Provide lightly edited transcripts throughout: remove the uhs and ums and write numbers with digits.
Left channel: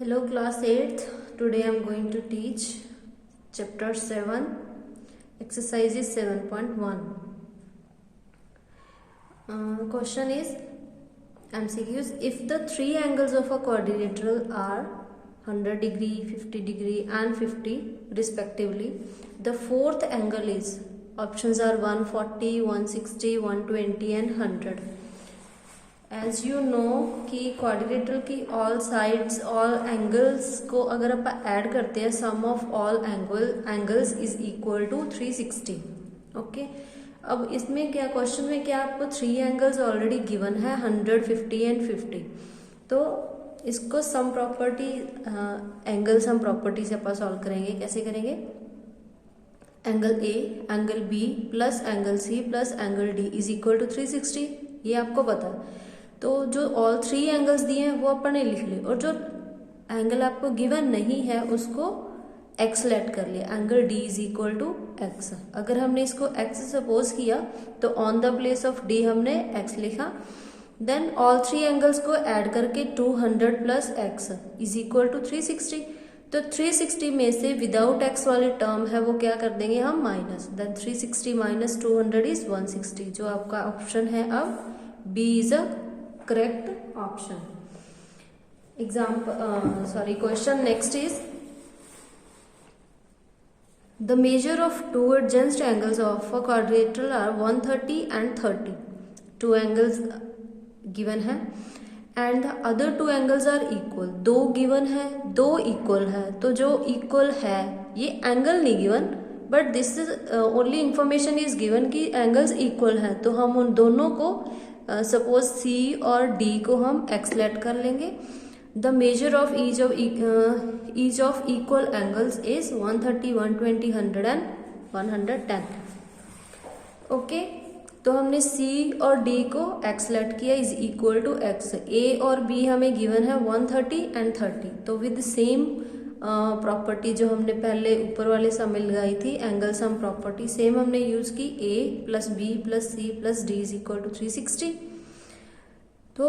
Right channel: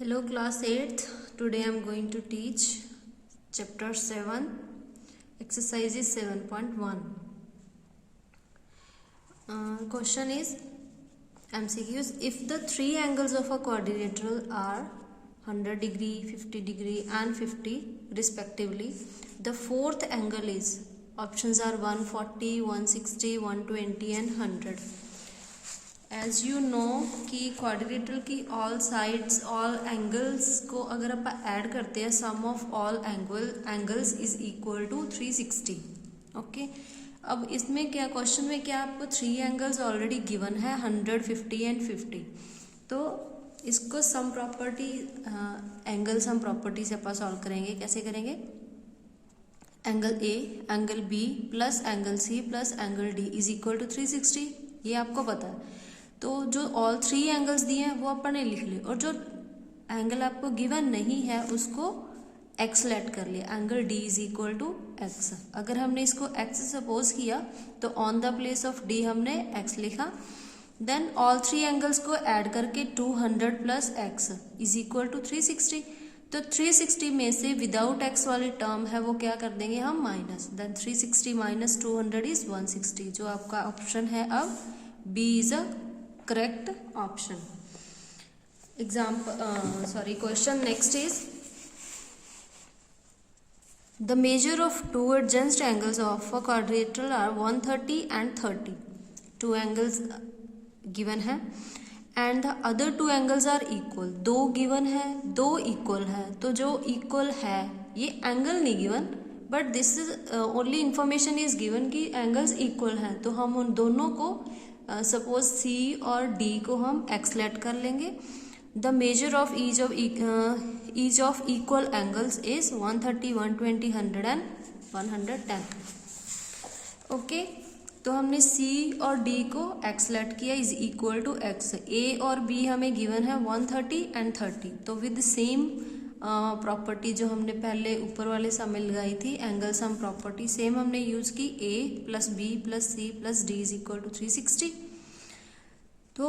Hello class 8th. Today I am going to teach chapter 7 exercises 7.1. Question is MCQs. If the three angles of a quadrilateral are 100 degree, 50 degree and 50 respectively, the fourth angle is, options are 140, 160, 120 and 100. As you know कि quadrilateral की all sides all angles को अगर आप add करते हैं sum of all angles is equal to 360. Okay, अब इसमें क्या क्वेश्चन में क्या आपको थ्री एंगल्स ऑलरेडी गिवन है 100, 50 एंड 50. तो इसको सम प्रॉपर्टी एंगल्स हम प्रॉपर्टी से अपन सॉल्व करेंगे. कैसे करेंगे? Angle A angle B plus angle C plus angle D is equal to 360. ये आपको पता है. तो जो ऑल थ्री एंगल्स दिए हैं वो अपन ने लिख लिए, और जो एंगल आपको गिवन नहीं है उसको एक्स लेट कर लिया. Angle D is equal to x. अगर हमने इसको एक्स सपोज किया तो on the place of D हमने एक्स लिखा. देन ऑल थ्री एंगल्स को ऐड करके 200 plus x is equal to 360. तो 360 में से विदाउट एक्स वाले टर्म है वो क्या कर देंगे हम माइनस. Then 360 minus 200 is 160. जो आपका ऑप्शन है अब B is a correct option. Question next is the measure of two adjacent angles of a quadrilateral are 130 and 30. Two angles given है and the other two angles are equal. दो given है, दो equal है. तो जो equal है ये angle नहीं given, but this is only information is given कि angles equal है. तो हम उन दोनों को सपोज सी और डी को हम एक्स लेट कर लेंगे. The measure of each of equal angles is 130, 120, 100 and 110. Okay, तो हमने सी और डी को एक्स लेट किया इज इक्वल टू एक्स. ए और बी हमें गिवन है 130 एंड 30. तो विद सेम प्रॉपर्टी जो हमने पहले ऊपर वाले सम में लगाई थी एंगल सम प्रॉपर्टी, सेम हमने यूज की. A plus B plus C plus D is equal to 360. तो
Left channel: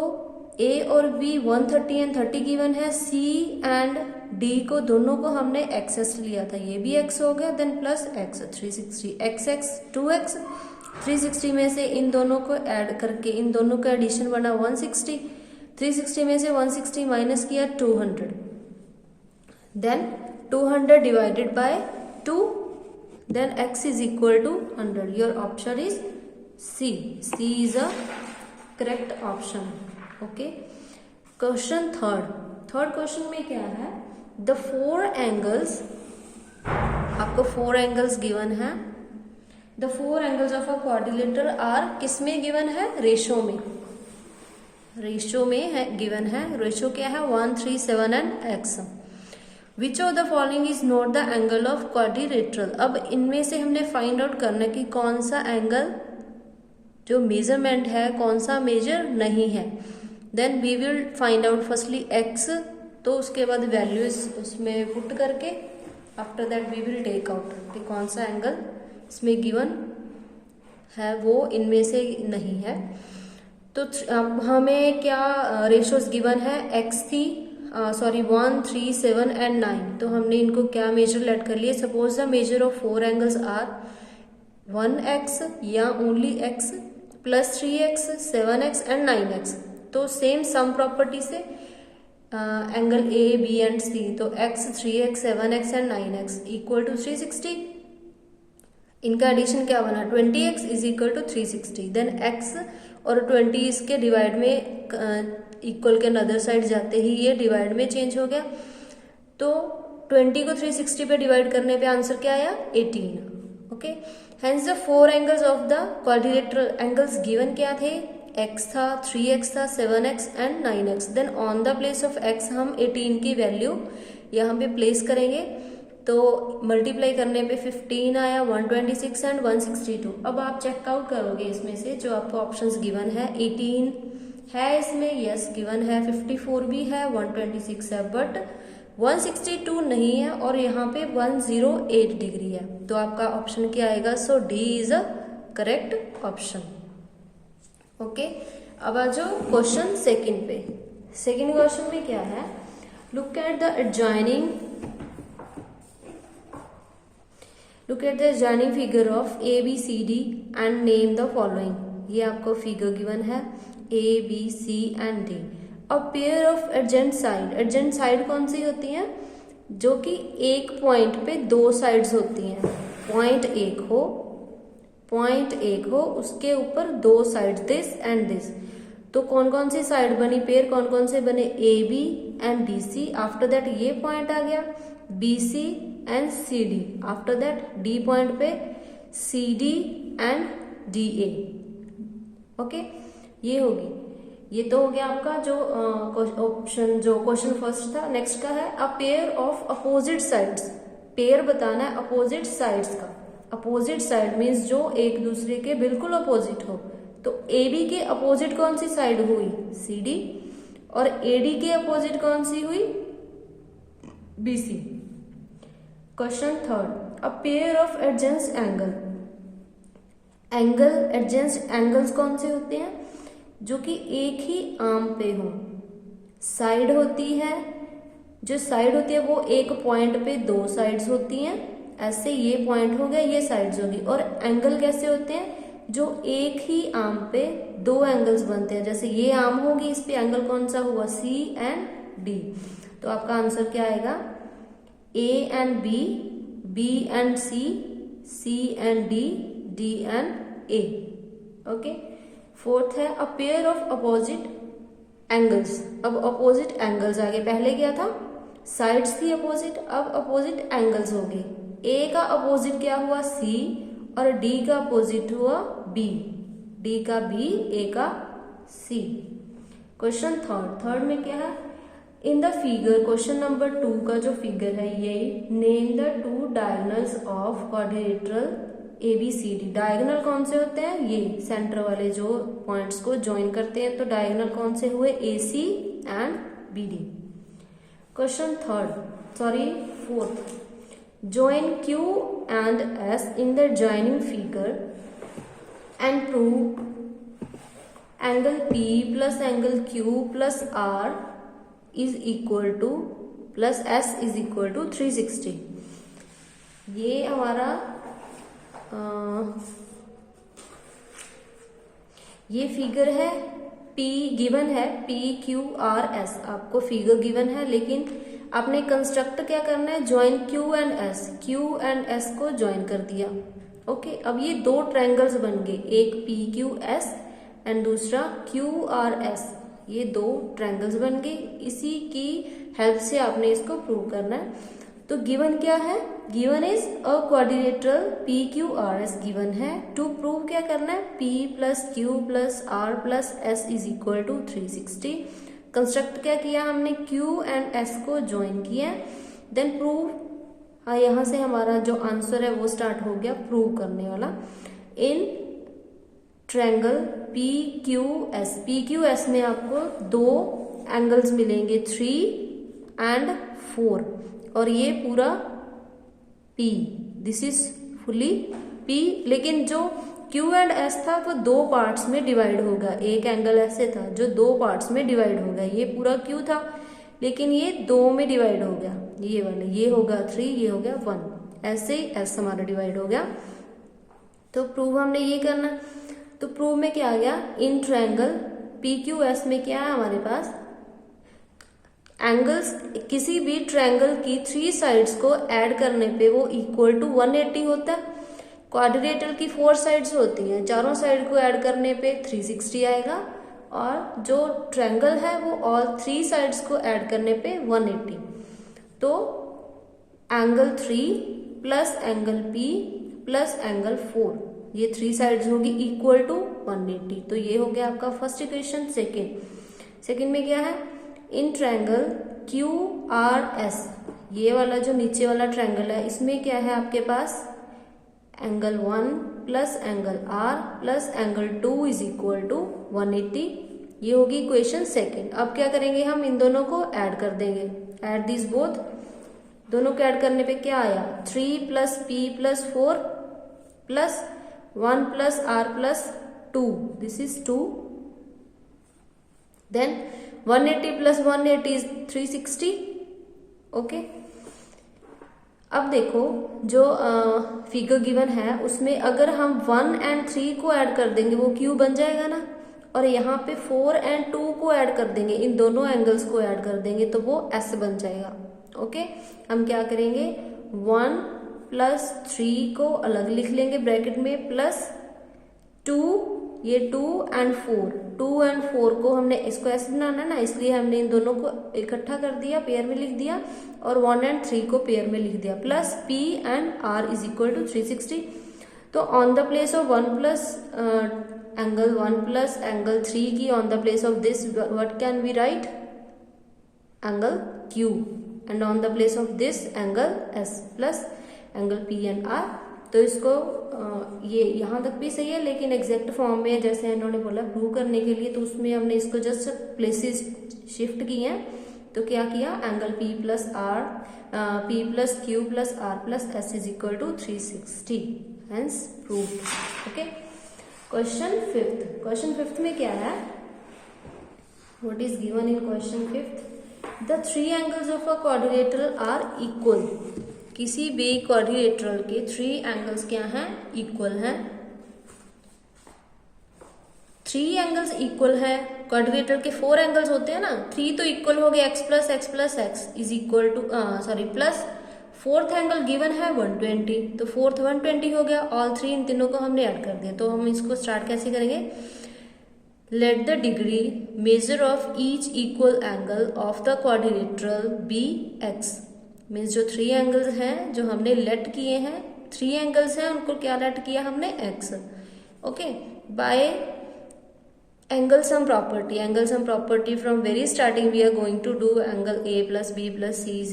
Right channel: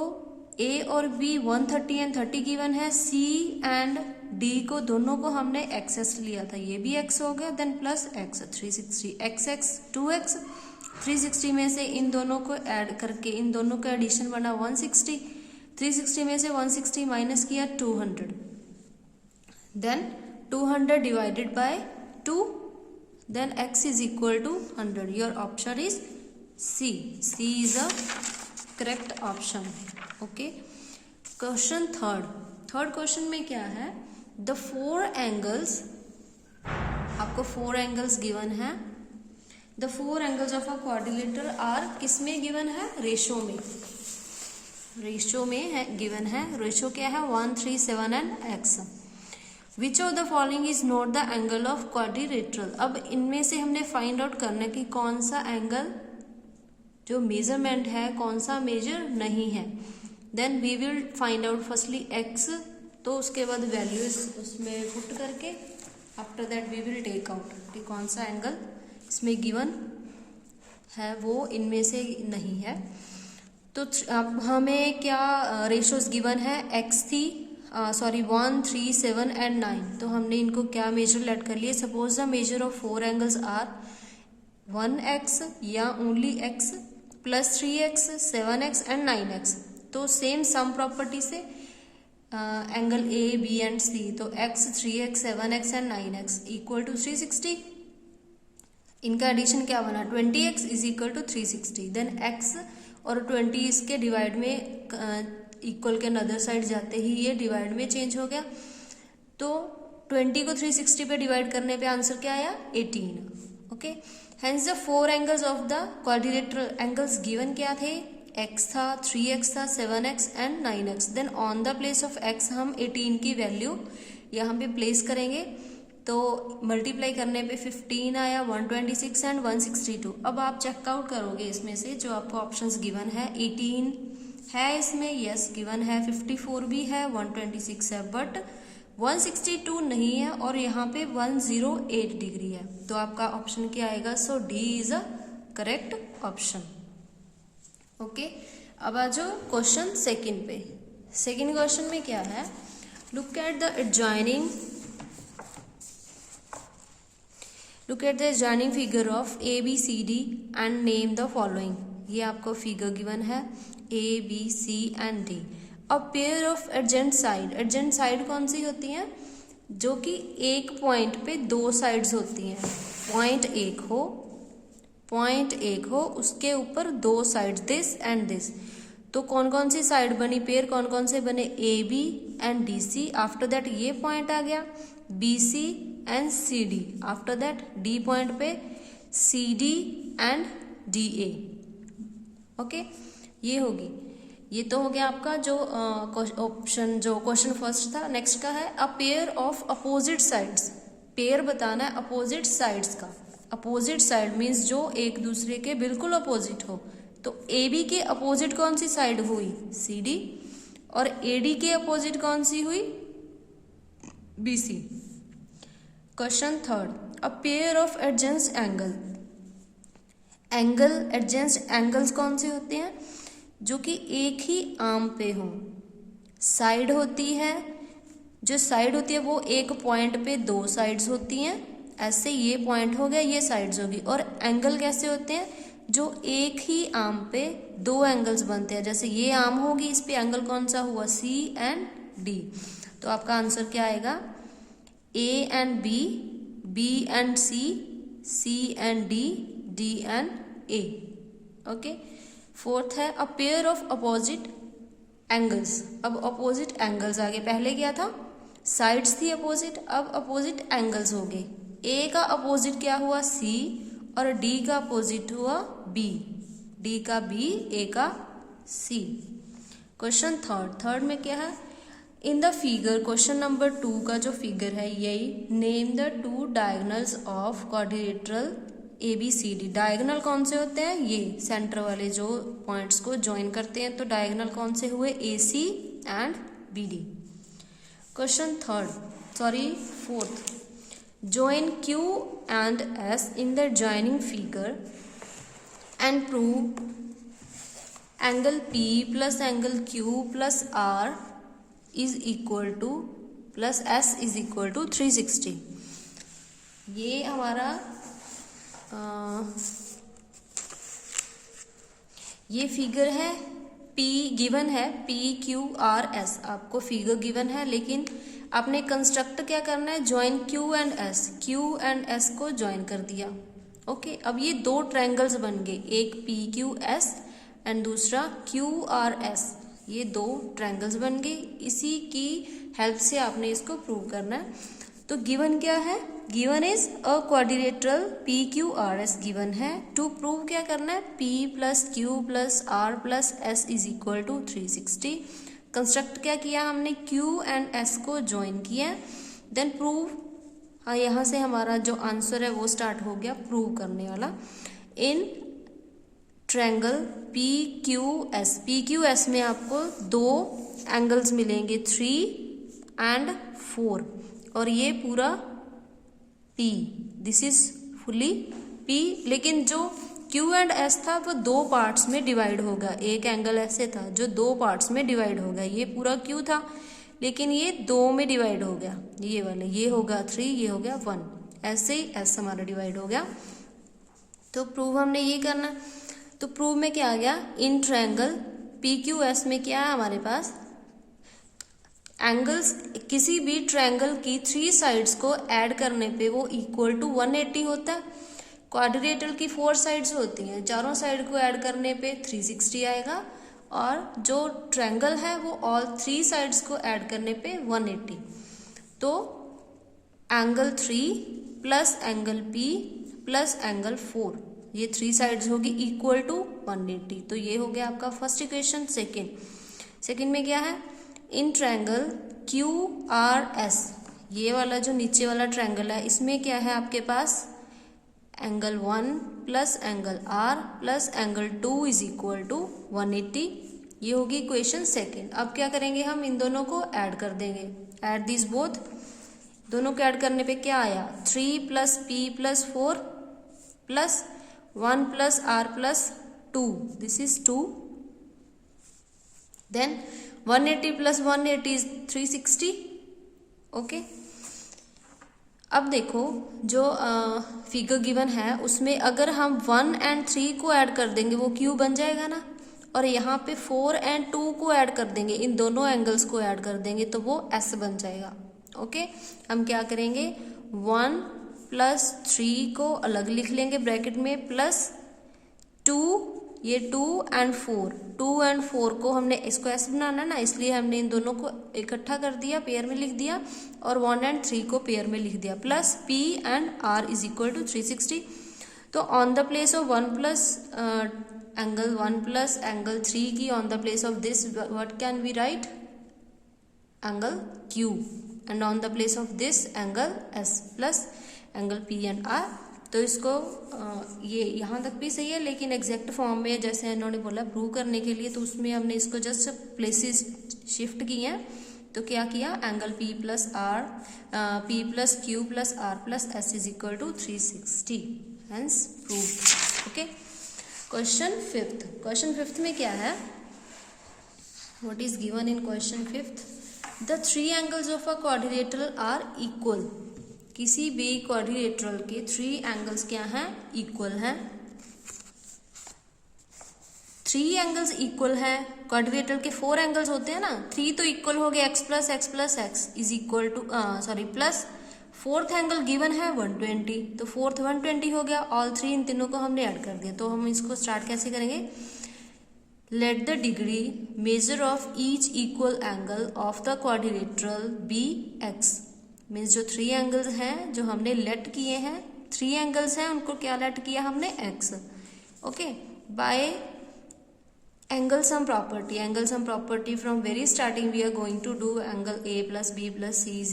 ए और बी 130 एंड 30 गिवन है. सी एंड डी को दोनों को हमने एक्स लिया था, ये भी एक्स हो गया. Then plus x 360 x x 2x. 360 में से इन दोनों को ऐड करके इन दोनों का एडिशन बना 160. 360 में से 160 माइनस किया 200. Then 200 divided by 2. Then x is equal to 100. Your option is C. C is a correct option. Okay. Question third. Third question में क्या है? The four angles. आपको four angles given है. The four angles of a quadrilateral are किस में given है? Ratio में. Ratio में है given है. रेशो क्या है? 1, 3, 7 and x. Which of the following is not the angle of quadrilateral? अब इनमें से हमने फाइंड आउट करना कि कौन सा एंगल जो मेजरमेंट है कौन सा मेजर नहीं है. Then we will find out firstly x. तो उसके बाद वैल्यूज उसमें पुट करके after that we will take out कि कौन सा एंगल इसमें गिवन है वो इनमें से नहीं है. तो अब हमें क्या रेशोज गिवन है? x थी 1, 3, 7 एंड 9. तो हमने इनको क्या मेजर लेट कर लिए. Suppose the measure of four angles are 1x या only x plus 3x, 7x and 9x. तो सेम सम प्रॉपर्टी से एंगल ए बी एंड सी. तो x, 3x, 7x and 9x equal to 360. इनका addition क्या बना? 20x is equal to 360. Then x और 20 इसके divide में इक्वल के अदर साइड जाते ही ये डिवाइड में चेंज हो गया. तो 20 को 360 पे डिवाइड करने पे आंसर क्या आया? 18. Okay, hence the four angles of the quadrilateral angles given क्या थे? x था, 3x था, 7x and 9x. Then on the place of x हम 18 की वैल्यू यहाँ पे प्लेस करेंगे. तो मल्टीप्लाई करने पे 15 आया, 126 एंड 162. अब आप चेकआउट करोगे इसमें से जो आपको ऑप्शंस गिवन है. 18 है इसमें, यस गिवन है. 54 भी है, 126 है, बट 162 नहीं है और यहाँ पे 108 डिग्री है. तो आपका ऑप्शन क्या आएगा? So D is a correct option. Okay, अब आ जाओ क्वेश्चन सेकंड पे. सेकंड क्वेश्चन में क्या है? Look at the adjoining figure of ABCD and name the following. ये आपको फिगर गिवन है ABC and D. A pair of adjacent side. adjacent side कौन सी होती हैं? जो कि एक पॉइंट पे दो साइड्स होती हैं. पॉइंट एक हो उसके ऊपर दो साइड दिस एंड दिस. तो कौन कौन सी साइड बनी पेयर, कौन कौन से बने? AB and DC. After that ये पॉइंट आ गया BC and CD. After that D point पे CD एंड DA. ओके, ये होगी. ये तो हो गया आपका जो ऑप्शन जो क्वेश्चन फर्स्ट था. नेक्स्ट का है a pair of opposite sides. Pair बताना है अपोजिट साइड्स का. अपोजिट साइड मीन्स जो एक दूसरे के बिल्कुल अपोजिट हो. तो AB के अपोजिट कौन सी साइड हुई? CD. और AD के अपोजिट कौन सी हुई? BC. Question third a pair of adjacent adjacent angles कौन से होते हैं? जो कि एक ही आर्म पे हो. साइड होती है, जो साइड होती है वो एक पॉइंट पे दो साइड्स होती हैं. ऐसे ये पॉइंट हो गया, ये साइड्स होगी. और एंगल कैसे होते हैं? जो एक ही आर्म पे दो एंगल्स बनते हैं. जैसे ये आर्म होगी, इस पे एंगल कौन सा हुआ? C and D. तो आपका आंसर क्या आएगा? A and B, B and C, C and D, D and A. Okay. Fourth है a pair of opposite angles. अब अपोजिट एंगल्स आगे, पहले क्या था? साइड्स थी अपोजिट, अब अपोजिट एंगल्स हो गए. A का अपोजिट क्या हुआ? C और D का अपोजिट हुआ B. D का B, A का C. क्वेश्चन थर्ड में क्या है? In the figure, question number 2 का जो फिगर है यही. Name the two diagonals of quadrilateral ABCD. Diagonal कौन से होते हैं? ये सेंटर वाले जो पॉइंट्स को ज्वाइन करते हैं. तो डायगोनल कौन से हुए? AC and BD. Question fourth. Join Q and S in the adjoining figure and prove angle P plus angle Q plus R is equal to plus S is equal to 360. ये हमारा ये figure है. P given है, P Q R S आपको figure given है, लेकिन आपने construct क्या करना है? ज्वाइन Q एंड S को ज्वाइन कर दिया. ओके. अब ये दो ट्रायंगल्स बन गए, एक PQS एंड दूसरा QRS. ये दो ट्रायंगल्स बन गए. इसी की हेल्प से आपने इसको प्रूव करना है. तो गिवन क्या है? Given is a quadrilateral PQRS given है. टू प्रूव क्या करना है? P plus Q plus R plus S is equal to 360. Construct क्या किया हमने? Q एंड S को ज्वाइन किया. Then prove. हाँ, यहाँ से हमारा जो आंसर है वो स्टार्ट हो गया प्रूव करने वाला. इन ट्रायंगल PQS में आपको दो एंगल्स मिलेंगे 3 एंड 4 और ये पूरा P. This is fully P. लेकिन जो Q एंड S था वो दो पार्ट्स में डिवाइड होगा. एक एंगल ऐसे था जो दो पार्ट्स में डिवाइड हो गया. ये पूरा Q था लेकिन ये दो में डिवाइड हो गया. ये वाले, ये होगा 3, ये हो गया 1. ऐसे ही S हमारा डिवाइड हो गया. तो प्रूव हमने ये करना. तो प्रूव में क्या आ गया? इन ट्रायंगल PQS में क्या है हमारे पास? एंगल्स किसी भी ट्रायंगल की 3 साइड्स को ऐड करने पे वो इक्वल टू 180 होता है. क्वाड्रिलेटरल की 4 साइड्स होती हैं, चारों साइड को ऐड करने पे 360 आएगा. और जो ट्रायंगल है वो ऑल 3 साइड्स को ऐड करने पे 180. तो angle 3 plus angle P plus angle 4, ये 3 साइड्स होगी इक्वल टू 180. तो ये हो गया आपका फर्स्ट इक्वेशन. सेकेंड में क्या है? इन ट्रायंगल QRS, ये वाला जो नीचे वाला ट्रायंगल है इसमें क्या है आपके पास? Angle 1 plus angle R plus angle 2 is equal to 180. ये होगी इक्वेशन सेकेंड. अब क्या करेंगे? हम इन दोनों को ऐड कर देंगे. Add this both. दोनों को ऐड करने पे क्या आया? 3 plus P plus 4 plus 1 plus R plus 2. This is 2. Then 180 plus 180 is 360 okay, अब देखो जो फिगर गिवन है उसमें अगर हम 1 और 3 को ऐड कर देंगे वो क्यू बन जाएगा ना, और यहाँ पे 4 और 2 को ऐड कर देंगे, इन दोनों एंगल्स को ऐड कर देंगे तो वो एस बन जाएगा। ओके, हम क्या करेंगे 1 + 3 को अलग लिख लेंगे ब्रैकेट में, प्लस 2, ये 2 और 4, 2 और 4 को हमने इसको ऐसे बनाना है ना, इसलिए हमने इन दोनों को इकट्ठा कर दिया, पेयर में लिख दिया, और 1 और 3 को पेयर में लिख दिया, प्लस P एंड R = 360। तो on the place of 1 plus angle 1 plus angle 3 की on the place of this what can be right, angle Q, and on the place of this angle S plus angle P and R। तो इसको ये यहाँ तक भी सही है, लेकिन एग्जैक्ट फॉर्म में जैसे इन्होंने बोला प्रूव करने के लिए, तो उसमें हमने इसको जस्ट प्लेसेस शिफ्ट किए हैं। तो क्या किया, angle P + R, P + Q + R + S = 360, hence proved. Okay, question fifth में क्या है, what is given in question fifth, the 3 angles of a quadrilateral are equal. किसी भी क्वाड्रिलेटरल के 3 एंगल्स क्या हैं, इक्वल हैं। 3 एंगल्स इक्वल है, क्वाड्रिलेटरल के 4 एंगल्स होते हैं ना, 3 तो इक्वल हो गया x + x + x = plus 4th angle given है 120, तो 4th 120 हो गया, ऑल 3 इन तीनों को हमने ऐड कर दिया। तो हम इसको स्टार्ट कैसे करेंगे, let the degree measure of each equal angle of the quadrilateral be x, means जो 3 एंगल्स हैं जो हमने लेट किए हैं, 3 एंगल्स हैं उनको क्या लेट किया हमने x। Okay, by angle sum property from very starting we are going to do angle a + b + c =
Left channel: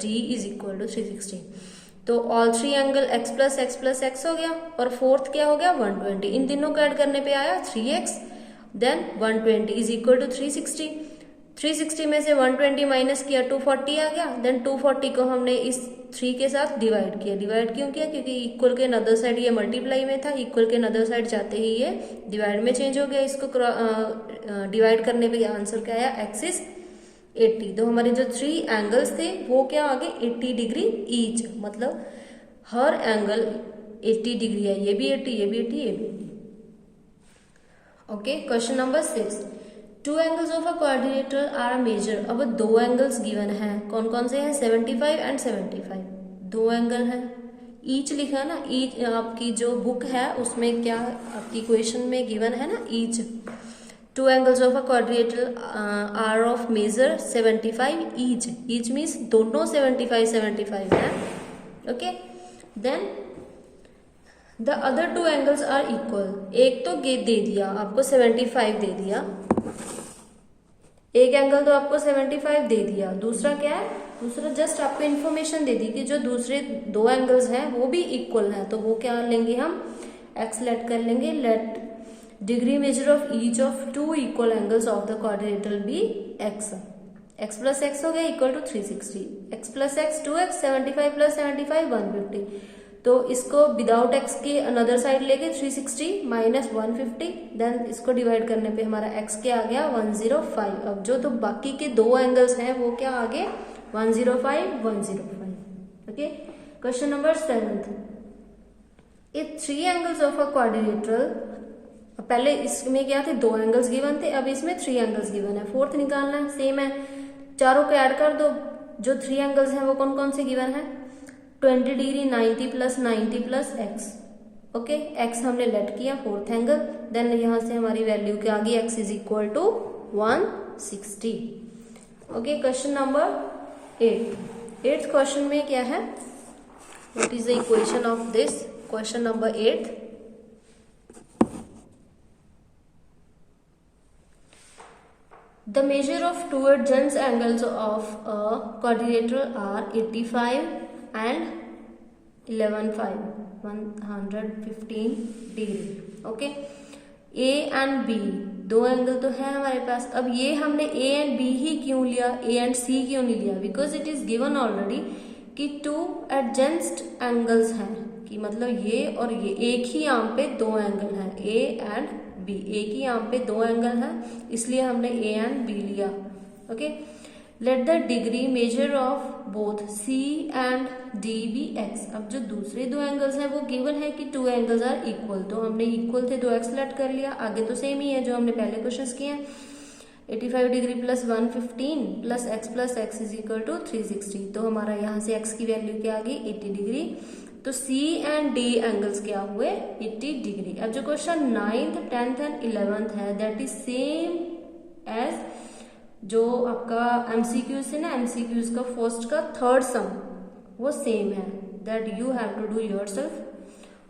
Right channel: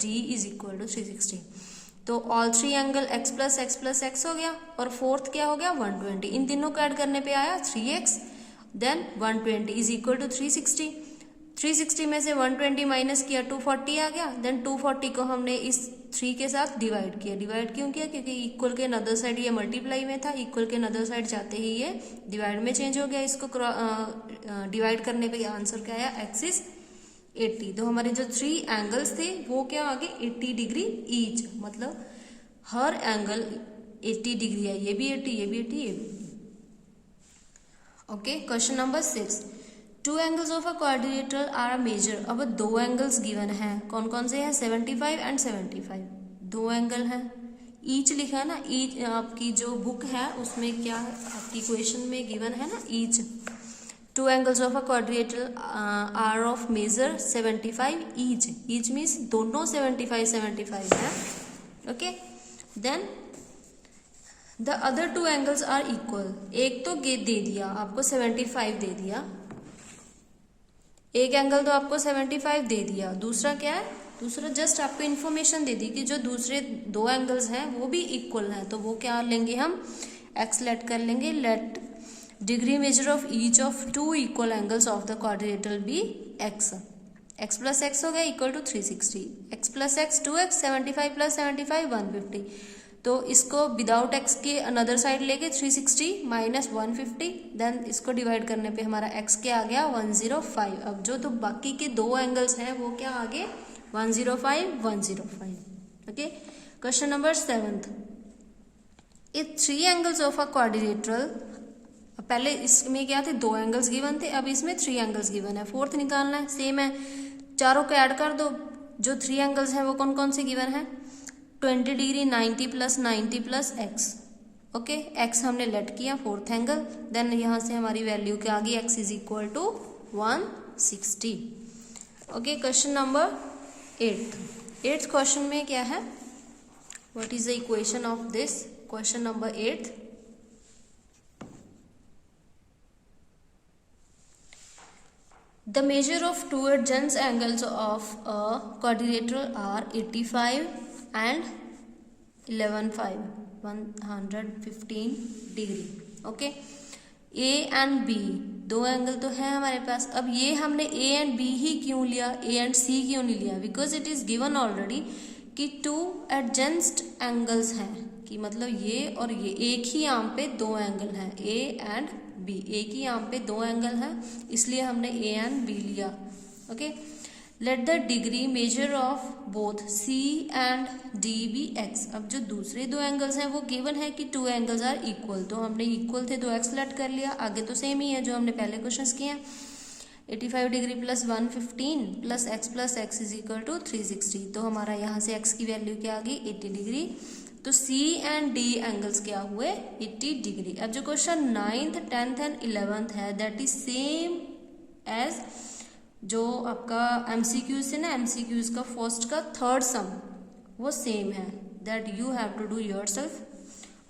d = 360। तो ऑल 3 एंगल x + x हो गया, और 4th क्या हो गया 120, इन तीनों को ऐड करने पे आया 3x, देन 120 = 360। 360 में से 120 माइनस किया 240 आ गया, देन 240 को हमने इस 3 के साथ डिवाइड किया। डिवाइड क्यों किया, क्योंकि इक्वल के नदर साइड ये मल्टीप्लाई में था, इक्वल के नदर साइड जाते ही ये डिवाइड में चेंज हो गया। इसको डिवाइड करने पे आंसर क्या आया, x = 80। तो हमारे जो 3 एंगल्स थे वो क्या आ गए 80 डिग्री ईच, मतलब हर एंगल 80 डिग्री है, ये भी 80, ये भी 80, ये भी 80। Okay, question number 6, 2 angles of a quadrilateral are measure. अब 2 एंगल्स गिवन हैं, कौन कौन से हैं, 75 एंड 75, 2 एंगल हैं, ईच लिखा ना, ईच आपकी जो बुक है उसमें क्या आपकी क्वेश्चन में गिवन है ना each. 2 angles of a quadrilateral are of measure 75 each means दोनों 75 है। Okay, then the other 2 angles are equal. एक तो दे दिया आपको 75 दे दिया, एक एंगल तो आपको 75 दे दिया, दूसरा क्या है, दूसरा जस्ट आपको इन्फॉर्मेशन दे दी कि जो दूसरे 2 एंगल्स हैं वो भी इक्वल हैं, तो वो क्या लेंगे हम, x लेट कर लेंगे, let degree measure of each of 2 equal angles of the quadrilateral be x + x हो गया = 360, x + x 2x, 75 + 75 150। तो इसको विदाउट x के अनदर साइड लेके 360 माइनस 150, देन इसको डिवाइड करने पे हमारा x क्या आ गया 105। अब जो तो बाकी के 2 एंगल्स हैं वो क्या आ गए 105 105। Okay, question number 7, if 3 angles of a quadrilateral, पहले इसमें क्या थे 2 एंगल्स गिवन थे, अब इसमें 3 एंगल्स गिवन है, 4th निकालना है, सेम है, चारों को ऐड कर दो। जो 3 एंगल्स हैं वो कौन कौन से गिवन है, 20 डिग्री 90 + 90 + x। ओके, x हमने लेट किया 4th एंगल, देन यहाँ से हमारी वैल्यू क्या आ गई, x = 160। Okay, question number 8th question में क्या है, what is the equation of this, question number 8, the measure of two adjacent angles of a quadrilateral are 85 and 115 degree. Okay, A and B 2 angle तो है हमारे पास। अब ये हमने A and B ही क्यों लिया, A एंड C क्यों नहीं लिया, because it is given already कि 2 एडजेंट एंगल्स हैं, कि मतलब ये और ये एक ही यहाँ पे 2 एंगल हैं, A एंड B, एक ही यहाँ पे 2 एंगल हैं, इसलिए हमने A एंड B लिया। ओके, let the degree measure of both C and D be x. अब जो दूसरे दो एंगल्स हैं वो गिवन है कि टू एंगल्स आर इक्वल, तो हमने इक्वल थे 2x सेलेक्ट कर लिया, आगे तो सेम ही है जो हमने पहले क्वेश्चंस किए हैं। 85 degree plus 115 plus x is equal to 360, तो हमारा यहाँ से x की वैल्यू क्या आ गई 80 डिग्री। तो C एंड D एंगल्स क्या हुए 80 डिग्री। अब जो question 9th 10th and 11th है दैट इज सेम एज जो आपका MCQs है ना, MCQs का फर्स्ट का थर्ड सम वो सेम है, that you have to do yourself.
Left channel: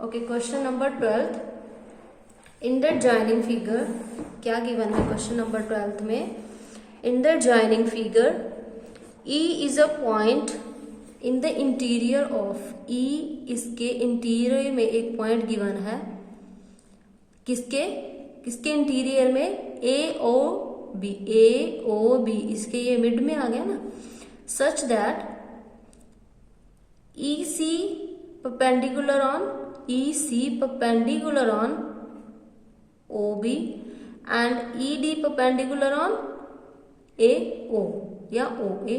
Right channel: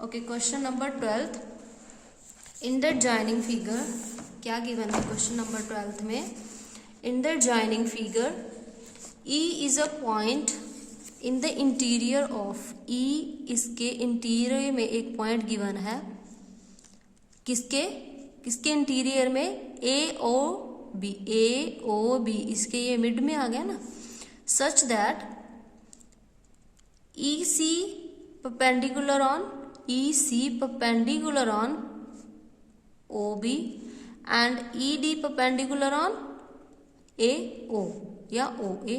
Okay, question number 12th, in the joining figure क्या गिवन है क्वेश्चन नंबर 12th में। In the joining figure E is a point in the interior of, E इसके interior में एक point given है, किसके interior में AOB, इसके ये मिड में आ गया ना, such that EC perpendicular on OB and ED perpendicular on AO या OA।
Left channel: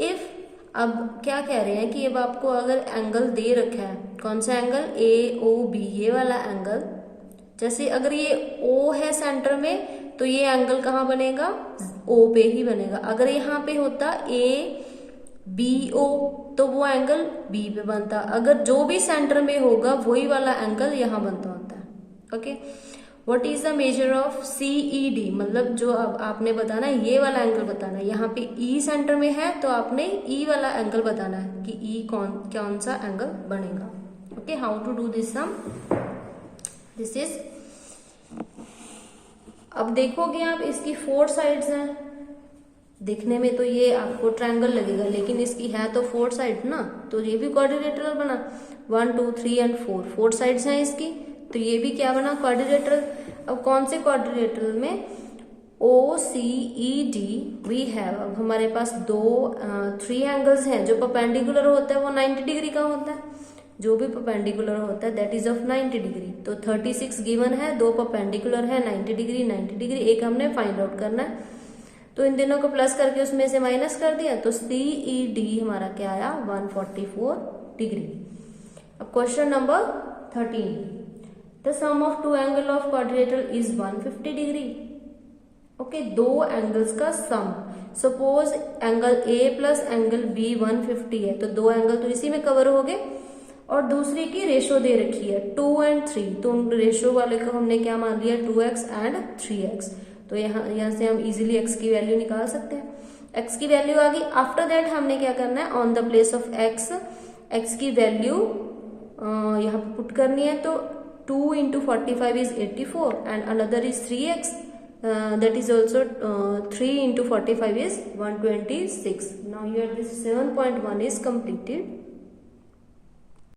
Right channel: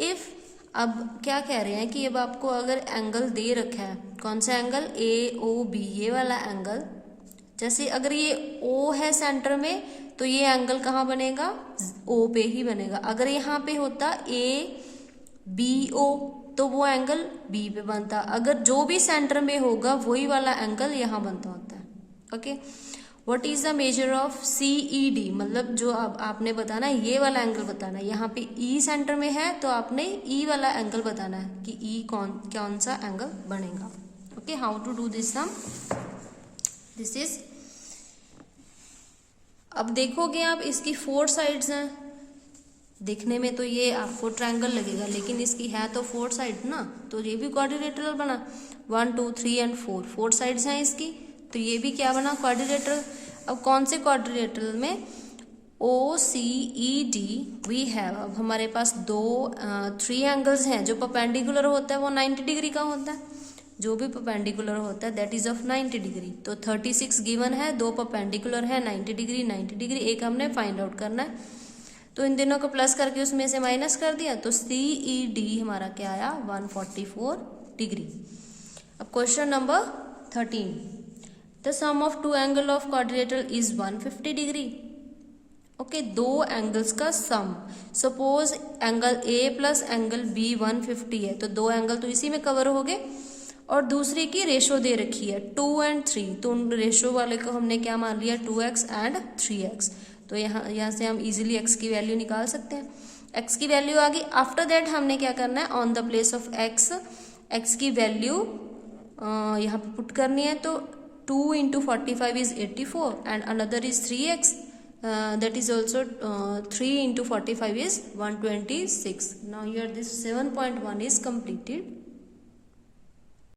इफ अब क्या कह रहे हैं कि अब आपको अगर एंगल दे रखा है, कौन सा एंगल AOB, ये वाला एंगल, जैसे अगर ये O है सेंटर में तो ये एंगल कहाँ बनेगा O पे ही बनेगा। अगर यहाँ पे होता ABO तो वो एंगल B पे बनता। अगर जो भी सेंटर में होगा वही वाला एंगल यहाँ बनता होता है। Okay, what is the measure of CED, मतलब जो अब आपने बताना ये वाला एंगल बताना है। यहाँ पे E सेंटर में है तो आपने E वाला एंगल बताना है कि E कौन सा एंगल बनेगा। Okay, how to do this sum, this is, अब देखोगे आप इसकी 4 साइड्स हैं, दिखने में तो ये आपको ट्रायंगल लगेगा लेकिन इसकी है तो 4 साइड ना, तो ये भी क्वाड्रिलेटरल बना, 1 2 3 एंड 4 साइड्स हैं इसकी, तो ये भी क्या बना क्वाड्रिलेटरल। अब कौन से क्वाड्रिलेटरल में OCED वी हैव, अब हमारे पास 3 एंगल्स हैं। जो परपेंडिकुलर होता है वो 90 डिग्री का होता है, जो भी परपेंडिकुलर होता है दैट इज ऑफ 90 डिग्री। तो 36 गिवन है, 2 परपेंडिकुलर है 90 डिग्री, एक हमने फाइंड आउट करना है। तो इन दोनों को प्लस करके उसमें से माइनस कर दिया तो CED हमारा क्या आया 144 डिग्री। अब question number 13, the sum of two angle of quadrilateral is 150 degree. Okay, दो एंगल्स का sum, suppose angle A plus angle B 150 है, तो दो एंगल तो इसी में कवर हो गए, और दूसरी की रेशो दे रखी है 2 and 3, तो रेशो वाले को हमने क्या मान लिया 2x एंड 3x। तो यहाँ से हम इजीली x की वैल्यू निकाल सकते हैं। x की वैल्यू आ गई। आफ्टर दैट हमने क्या करना है, on the place of x की वैल्यू यहाँ पे पुट करनी है। तो 2 into 45 is 84 and another is 3x, that is also 3 into 45 is 126. Now here this 7.1 is completed.